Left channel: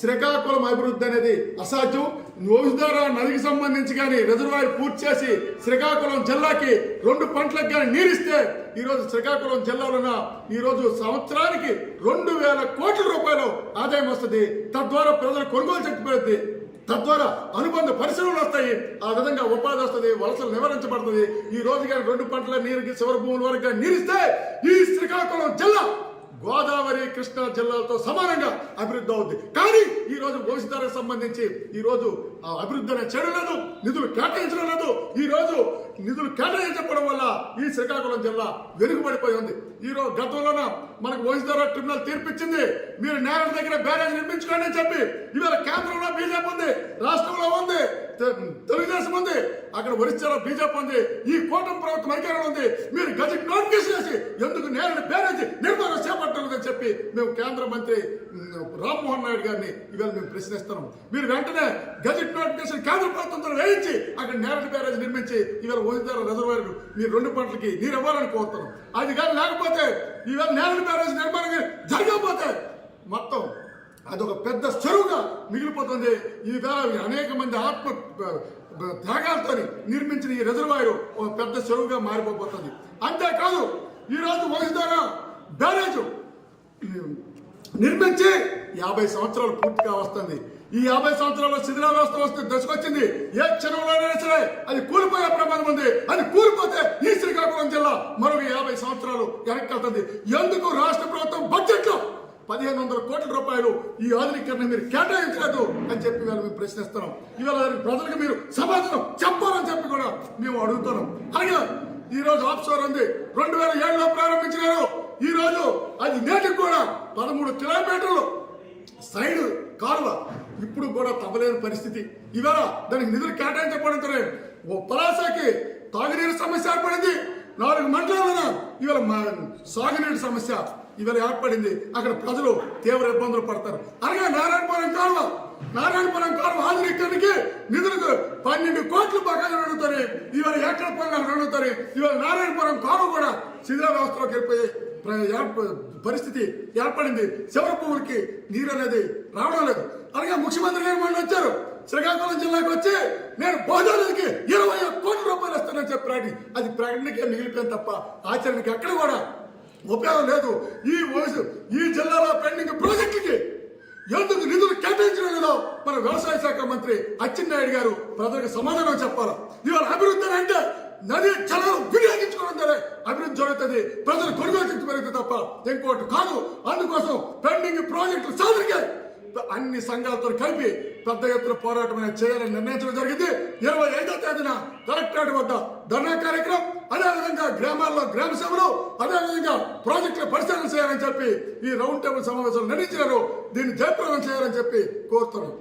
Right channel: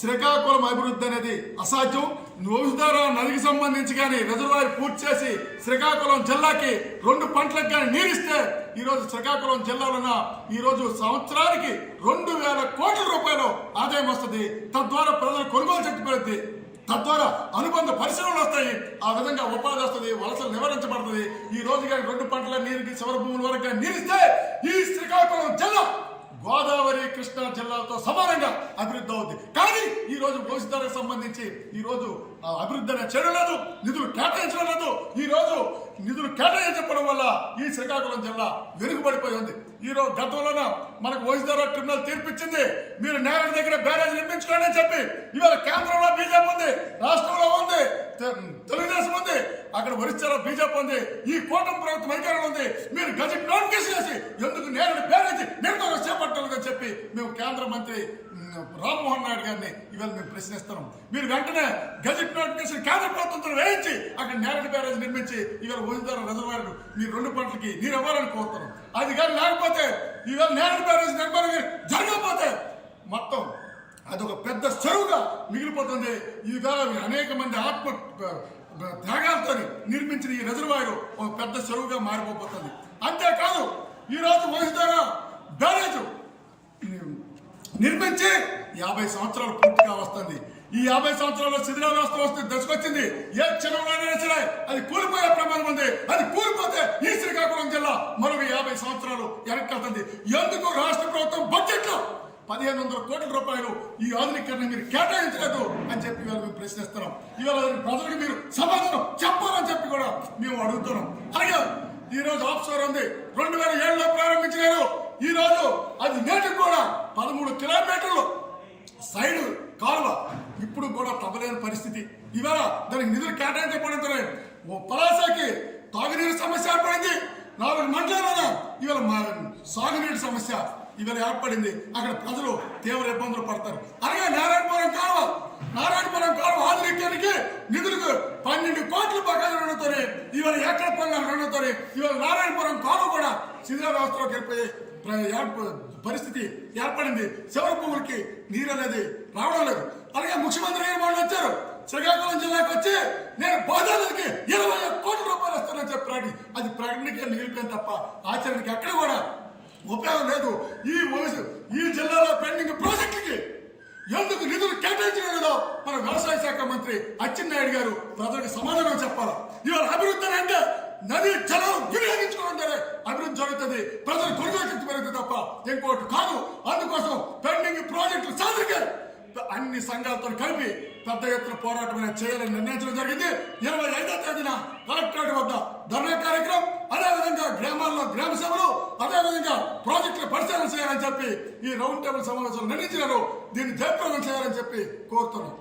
శ్రీకాకుళం అభివృద్ధి అనేది అసాధ్యం. నోవిధార నదికి సంబంధించి కానీ రిజర్వాయర్ పూర్తి చేసి శ్రీకాకుళం జిల్లాకి రెండు పంటలకు కానీ నీరిస్తే ఈరోజు శ్రీకాకుళం జిల్లాలోన ఈరోజు సంవత్సరానికి రెండు వేల కోట్ల రూపాయలు ఆదాయం వస్తుంది. తద్వారా ప్రజల కొనుగోలు శక్తి పెరుగుతుంది తద్వారా అనుబంధ పరిశ్రమలు వస్తాయి. ఆ విధంగా ఉపాధి వస్తుంది వలసలు నివారించబడుతుంది. ఈ రోజు కానీ రెండు పంటల నీరుకి శివర భూముల వరకు నీరిస్తే ఈ శ్రీకాకుళం జిల్లా గోదావరి కృష్ణా జిల్లాలతో సమానంగా అభివృద్ధి అవుద్ది. కానీ ఈ రోజు భవిష్యత్తుకు సంబంధించి ఈ రోజు ఆ అభివృద్ధి అనే చెడులను నిధులు కేటాయించడం లేదు. ఈ రోజు నిధులు కేటాయించడం వల్ల ఈ శ్రీకాకుళం జిల్లా వెనుకబడిపోయి ఉంది. ఈ రోజు గతంలోన మనకు భవిష్యత్తు ట్రిబ్యునల్ తీర్పిచ్చింది. మీరు నేరడి దగ్గర బ్యారేజ్ నిర్మించుకోండి అని చెప్పి ఇవాళ కేంద్రంలో బీజేపీ ఉంది రాష్ట్రంలో ఉంది తెలుగుదేశం ఉంది అక్కడ ఒరిస్సాలో బీజేపీ ఉంది ఈ కూటమి ప్రభుత్వం అధికారంలో ఉంది. మీరు గజెట్ నోటిఫికేషన్ చేసి ఎందుకు నేరడి బ్యారేజ్ చెప్పి మేము కేంద్ర మంత్రి రామ్మోహన్ నాయుడు గారిని ఇవాళ మేము ప్రశ్నిస్తున్నాం. మీరు వెంటనే గజెట్ నోటిఫికేషన్ కేంద్ర ప్రభుత్వంతో వేయించి అక్కడ నేరటి బ్యారేజ్ నిర్మించి ఇవాళ ఓజిదార రిజర్వాయర్ మీరు రెండు పంటలకి నీరు ఇవ్వాలని కోరుతున్నాం. అది కానీ లేకపోతే ఇవాళ నేరటి బ్యారేజ్ నిర్మాణం జరగకపోతే మొత్తం అదొక పెద్ద చెరువుగా మిగిలిపోతుంది. ఈ అనేక మంది ఆత్మ త్యాగాలతో నిర్మించిన ఈ రిజర్వాయర్ ఒక పెద్ద చెరువుగా మారిపోతుంది అంతేకాదు ఈ రోజు బ్యారేజ్ నిర్మించి యాభై సంవత్సరాలు పూర్తిగా వస్తుంది. ఈ యాభై సంవత్సరాల్లో శిథిలావస్థ వస్తే దశకొచ్చింది. ఏ క్షణంలోనైనా సరే అది కూలిపోయే ప్రమాదం ఉంది. అది కూలిపోతే ఈ శ్రీకాకుళం జిల్లా మరొక యాభై సంవత్సరాలు వెనక్కి వెళ్తుంది ఎందుకు రాష్ట్ర ప్రభుత్వం బడ్జెట్లో పదిహేను వందల కోట్ల రూపాయలు ఈ ఆధునీకరణ మీరు కేటాయించలేదు అని చెప్పి ఇవాళ మేము ప్రశ్నిస్తున్నాం. ఇవాళ దానికి ప్రజలకు మీరు సమాధానం చెప్పాలని చెప్పి కూడా మేము అడుగుతున్నాం. అలాగే ఈ రోజు ఆఫ్షోర్ ఉంది. రెండు వేల ఏడులో ప్రారంభించినారు. ఈ రోజు అది నేటికి కూడా పదమూడు కిలోమీటర్లు సైడ్ కాలువ. ఇప్పుడు కూడా తవ్వలేని పరిస్థితి. ఇవాళ దానికి నిధులు కేటాయించబడింతనే ఓ పలాసకి తాగునీరు సమస్య ఏర్పడింది. నాలుగు మండలాలన ఇవాళ సాగునీటి సమస్య ఇవాళ ఏర్పడింది. అక్కడ ప్రజలు తీవ్ర ఇబ్బందులు పడతారు. అలాగే నారాయణపురం కాలువ. నారాయణపురం కాలువ ఆధునికానికి నిధులకు పన్నెండు కోట్ల బకాయిలు అడుగుతారు ఇవాళ ఎక్కడ పనులు అడుగుతారు ఇవాళ నారాయణపురం కాలువ కూడా శిథిల వ్యవస్థలోకి వెళ్ళిపోయి పరిస్థితి ఏర్పడింది. చివరి భూములకి నీరు అనేది రావడం లేదు. అలాగే ముఖ్యమంత్రి గారు మళ్ళీ వచ్చారు. శ్రీకాకుళం జిల్లాకు వచ్చి నేను బోధాలకి ఇరవై ఒక్క కోట్ల రూపాయలు ఇస్తానని చెప్పి ప్రకటన అది ప్రకటనకే మిగిలిపోయింది తప్ప ఆచరణకి ఎక్కడ కూడా ఉపయోగం లేదు. ఈ వయసు ఈ జిల్లాలో పెండింగ్ ప్రాజెక్టులకి ఎందుకు నిధులు కేటాయించడం లేదో మన వ్యవసాయ శాఖ మంత్రి అచ్చెన్నాయుడు గారు ప్రజలకు సమాధానం చెప్పాలి. ఇవాళ అభివృద్ధి అని అంటే నది జలం వినియోగించుకోవడం ద్వారా అభివృద్ధి జరుగుతుంది. ప్రజలు కొనుగోలు పెరుగుతుంది తప్ప ఇంకోటి కాదు. అందుకోసం పెండింగ్ ప్రాజెక్టులు సాధరిగాయి అన్ని సంఘాలతో కలిపి పెద్ద ఎత్తున పోరాటం అనేది చేయాలని నిర్ణయించడం జరిగింది. ఇరవై ఐదో తేదీన కలెక్టరేట్ వద్ద ధర్నా కార్యక్రమం అదేవిధంగా గ్రామాల్లో గ్రామ సభలు అదేవిధంగా ప్రాజెక్టుల పరిశీలన చేయాలని చెప్పి ఈ రౌండ్ టేబుల్ సమావేశంలో నిర్ణయించినారు. దీన్ని జయప్రదం చేయాలని చెప్పి కోరుతున్నాం.